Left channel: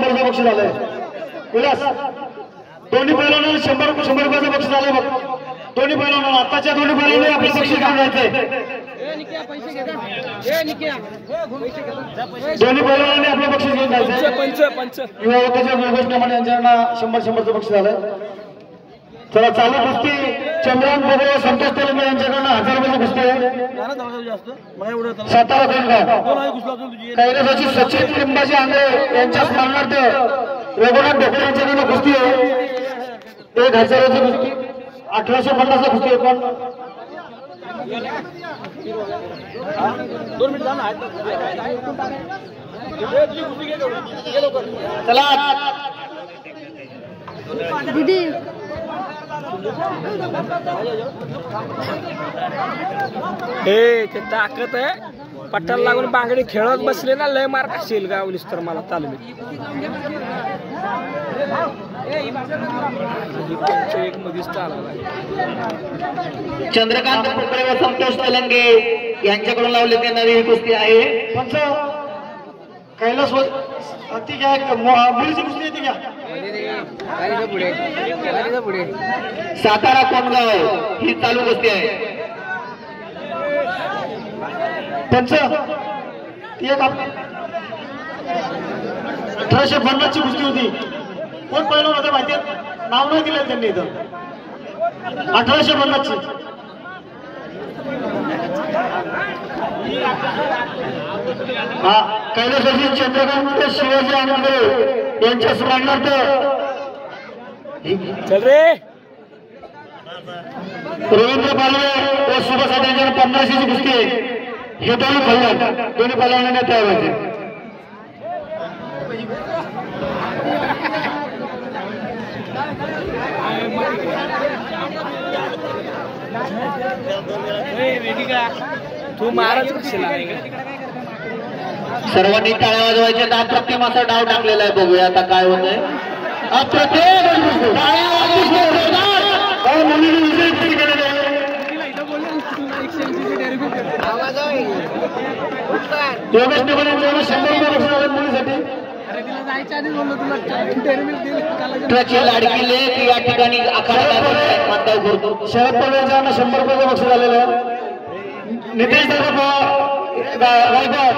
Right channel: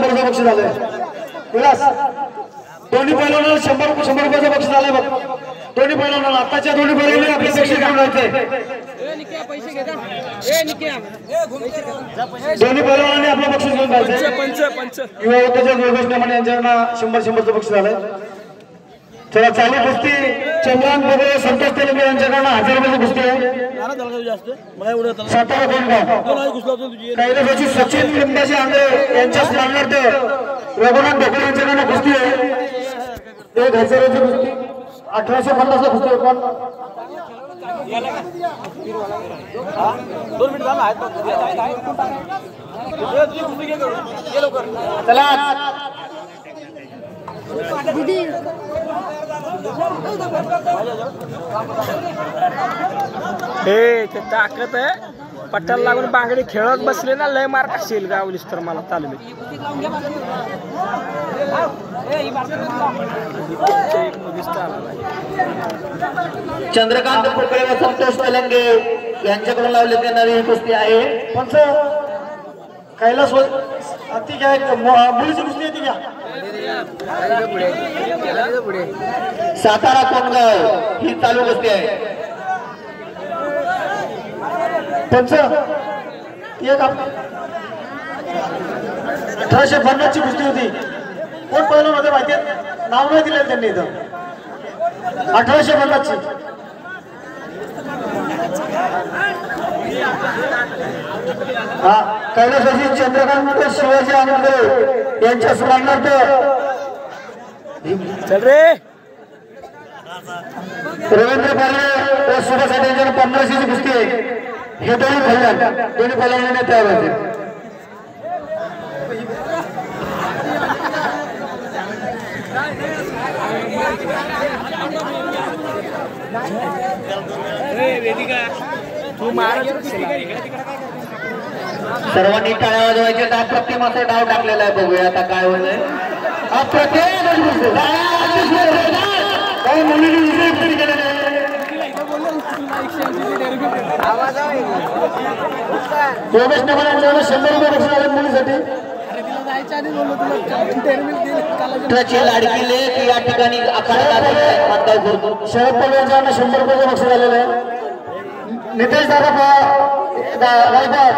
100 बक्षीस झालंय विलास दोन्ही पैलवानांना 100 रुपयाचं बक्षीस झालंय बघ दोन्ही पैलवानांना आताच्या दोन्ही पैलवानांनी आपले बक्षीस घेऊन जायचे दोन्ही पैलवानांनी आपलं बक्षीस घेऊन जायचं पंच युवा होत्याच्या गोष्टीमध्ये यांच्याकडनं 100चं बक्षीस झालंय चला चालू कुस्ती चंद्रान बघे संतोष तेलंगे यांच्याकडनं 1000 रुपयाची कुस्ती आहे सातारा कोणगाव कैलासाची सचिन लिंबाजी आंधळे यांच्या स्मरणार्थ रघुनाथ ढोकळे यांच्याकडनं कुस्ती आहे 1000ची कुस्ती 1850 ला कुस्ती आहे पण 2 मिनिट झाला चला दीदी हे ते ताकद आहे पट्ट्याला लागून बांगडी खेळत बसले ना लय मार्क असेल गावलीस तर मला तालमीत एक मधीच आला चंद्रकांत कोकळे व संतोष तेलंगे यांच्याकडून लावलेली नवी कुस्ती आहे पंच कैलास ती काय मुलीची कुस्ती आहे ती घ्या सातारा कोणगाव ही चालू कुस्ती आहे पंच ती एक 1850 ची कुस्ती होती कोण पहिलं होते माहिती नाव नाही दिलेलं त्यांनी इथं 1850 ची हा कैलासाची चंद्रकांत शिवाजी आंबेडकर यांच्या स्मरणार्थ चल रे रवींद्र पालवे व सुभाष यांच्या 50ची कुस्ती आहे हे दोन्ही पहिल्यांदा तयार होते तू महाराज सर्वांनी टाळ्या वाजवायच्या डाव प्रतिमाचा डाव टाकलेला आहे बघूया आता काय होत आहे योगेश नगर यांच्याकडे 100 रुपये बक्षीस आले मुलीसाठी ट्रकची लाडकी लेक या ठिकाणी आखाडा करतो शरद पवार यांच्याकडे 100 रुपयाचं बक्षीस आलेलं आहे नितेश दादा गायकवाड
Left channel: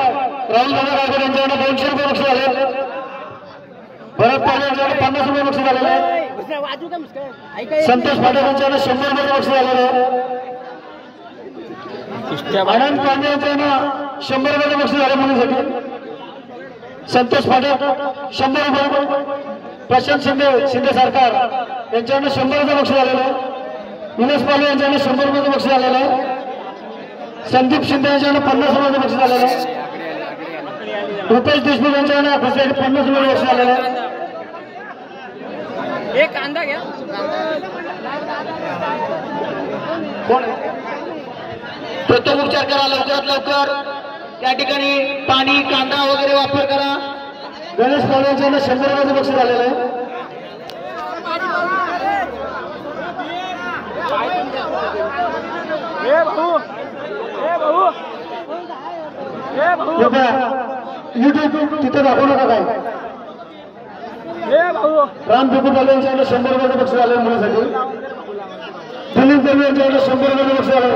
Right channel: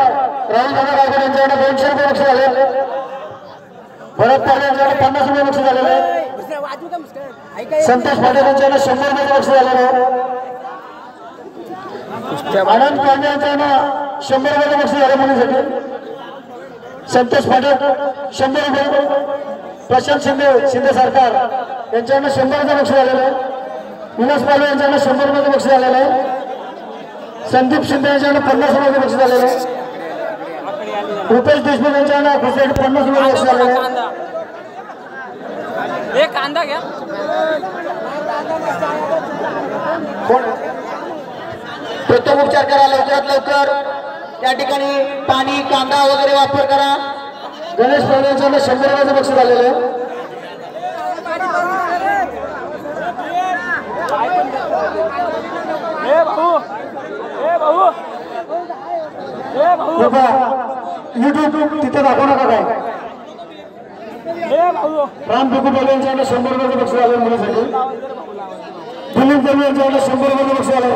राहुल दादा गायकवाड यांच्याकडे 200 रुपये बक्षीस आले भरत पाटील यांच्याकडे 50 रुपये बक्षीस आलेलं आहे संतोष पाटील यांच्याकडे 100 रुपयाचं बक्षीस आलेलं आहे आनंद पांडे यांच्याकडे 100 रुपयाचं बक्षीस आले मुलीसाठी संतोष पाटील 100 रुपये प्रशांत शिंदे सरकार यांच्याकडे 100 रुपये बक्षीस आलेलं आहे विलास पालवे यांच्याकडे 100 रुपयाचं बक्षीस आलेलं आहे संदीप शिंदे यांच्याकडे 50 रुपयाचं बक्षीस आलेलं आहे रुपेश देशमुख यांच्याकडे 50 रुपये बक्षीस आलेलं आहे एक कांदा घ्या कोण प्रथम उपचार करा लवकरात लवकर त्या ठिकाणी पाणी कांदा वगैरे वापर करा गणेश पालवे यांच्याकडे 100 रुपयाचं बक्षीस आलेलं आहे युट्यूब तिथे दाखवू नका काय राम बिकुटवाले यांच्याकडे 100 रुपयाचं बक्षीस आलं मुलीसाठी दिलीप देवी यांच्याकडे 100 रुपयाचं बक्षीस आलं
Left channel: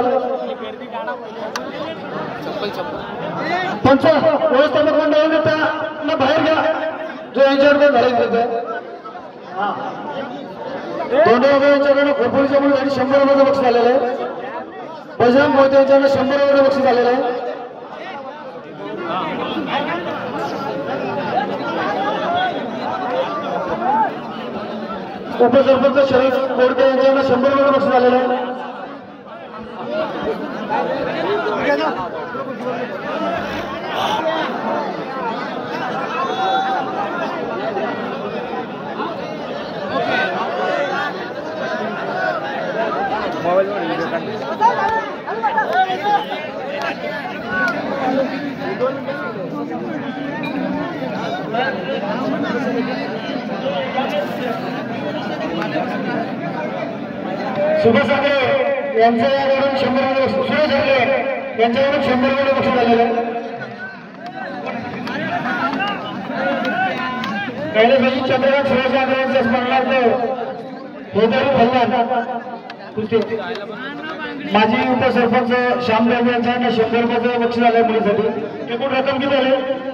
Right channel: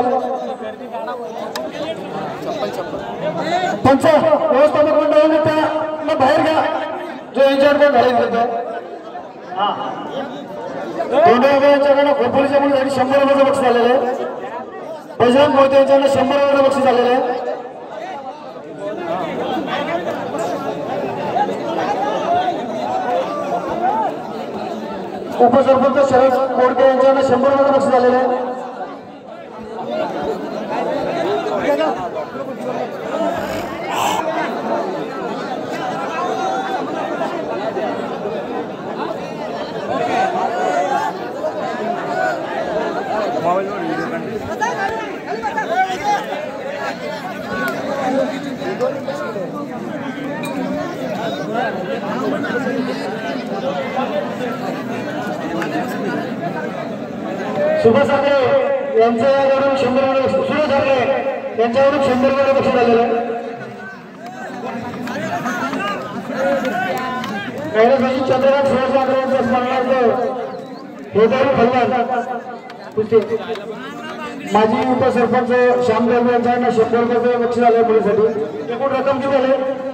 पंच व्यवस्थापक मंडळाने त्यांना बाहेर घ्या जो यांच्याकडे घालायचं होतं दोंडे यांच्याकडे खोपोलीच्या मुलीसाठी 100 रुपयाचं बक्षीस आलेलं आहे बजरंग मोहिते यांच्याकडे 100 रुपयाचं बक्षीस आलेलं आहे उपसरपंच शरद कोडके यांच्याकडे 100 रुपयाचं बक्षीस आलेलं आहे सुभाष आंबळे यांच्याकडून 100 रुपये सुरेश आंबळे यांच्याकडून 100 रुपये बक्षीस आलेलं आहे कैलासवासी चंद्रकांत शिवाजी आग्रहांच्या स्मरणार्थ हेदर फल्लान कुस्ती माजी उपसरपंच श्यामराव यांचा 100 रुपयाचं बक्षीस आलंय मुलीसाठी. एकूण रक्कम किती आहे?